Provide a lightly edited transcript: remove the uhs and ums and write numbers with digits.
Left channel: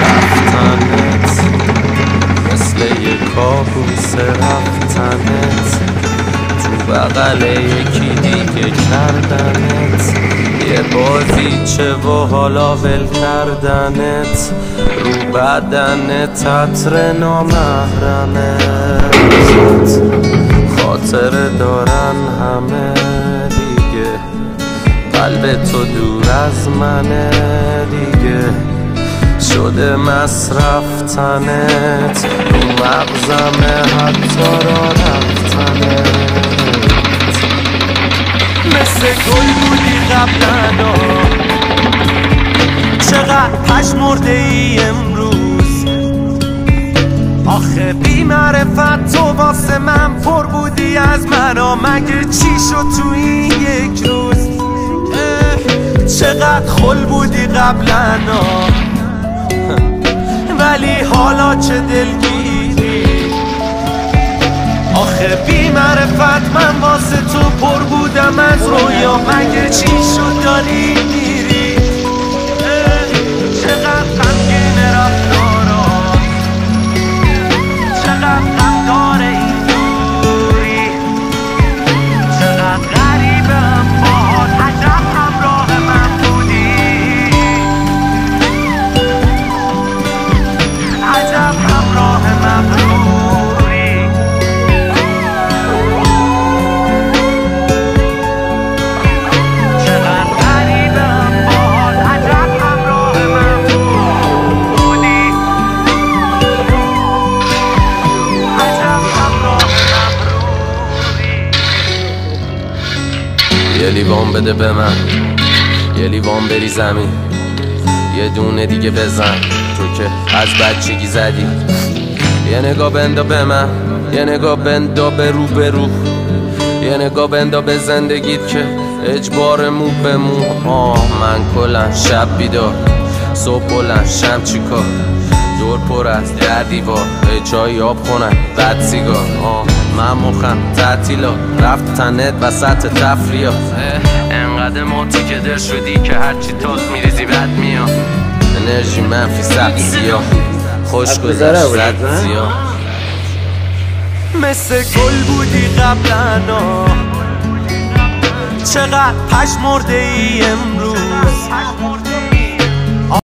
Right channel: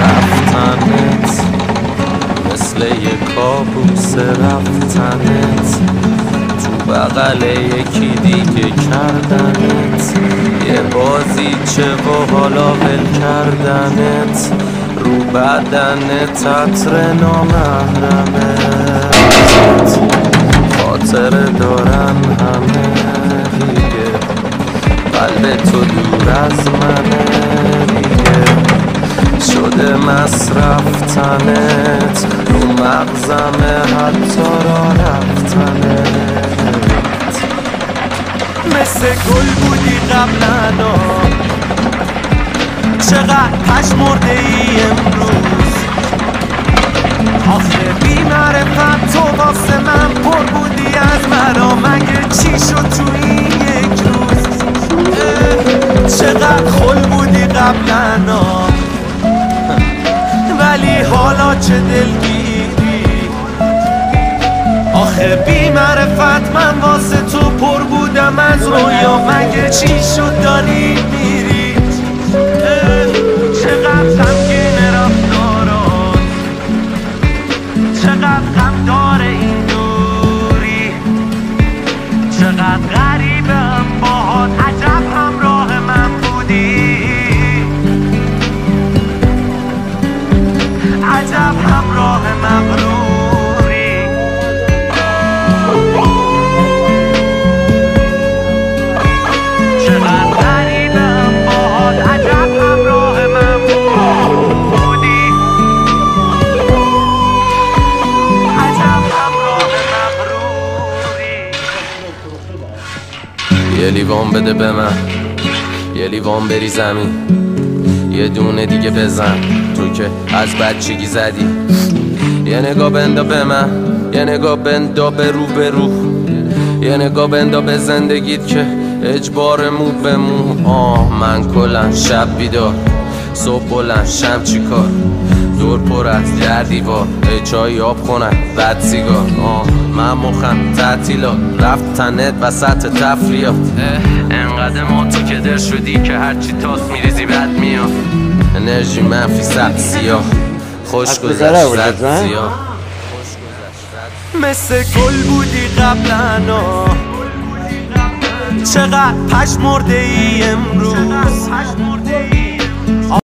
رفتنت مثل یه کابوس، رفتنت تو بغل یکی دیگه کردنت، یه بازیچه و حالا ول کردنت، رو بدنت عطر نامحرمت، خاطر دارن همه دیگه، قلب تو دور از منه دیگه، شده مصرفتنت، رو مغزمه حتی را رفتنت، مثل گل بودی قبلا، چقدر پشمرده ای امروز، آخه بی معرفت تو واسه من پر بودی از مرا، مگه چی شد تو این یک روز، چقدر خل بودی قبلا، ولی حالا چه دلگیری، آخه بی معرفت من واسه تو پر بودم از رویا، مگه چی شد داری میری، چقدر غمگین رفتارات، چقدر غم داره این دوری، چقدر غریبم باهات، عجب همراه من بودی، عجب همراه مغروری، چقدر غریبم باهات، عجب همراه من بودی، عجب همراه مغروری. یه لیوان بده به من، یه لیوان بری زمین، یه دونه دیگه بزن، تو که از بچگی زدی، یه نگاه بندا به من، یه نگاه بندا به رو به رو، یه نگاه بندا به زندگیت که اجبار مو به مو. من کلن شب بیدار، صبح بلند شم چی کار، دور پر از در دیوار، چای آب خونن بد سیگار. من مخم تعطیلات، رفتنت وسط تفریات، انقدر ماتی که در شدی که هرچی تاست میریزی بد میاد، انرژی منفی سبت سیاه، خوش گذشت زد زیاه، مثل گل بودی قبلا، چقدر پشمرده ای امروز،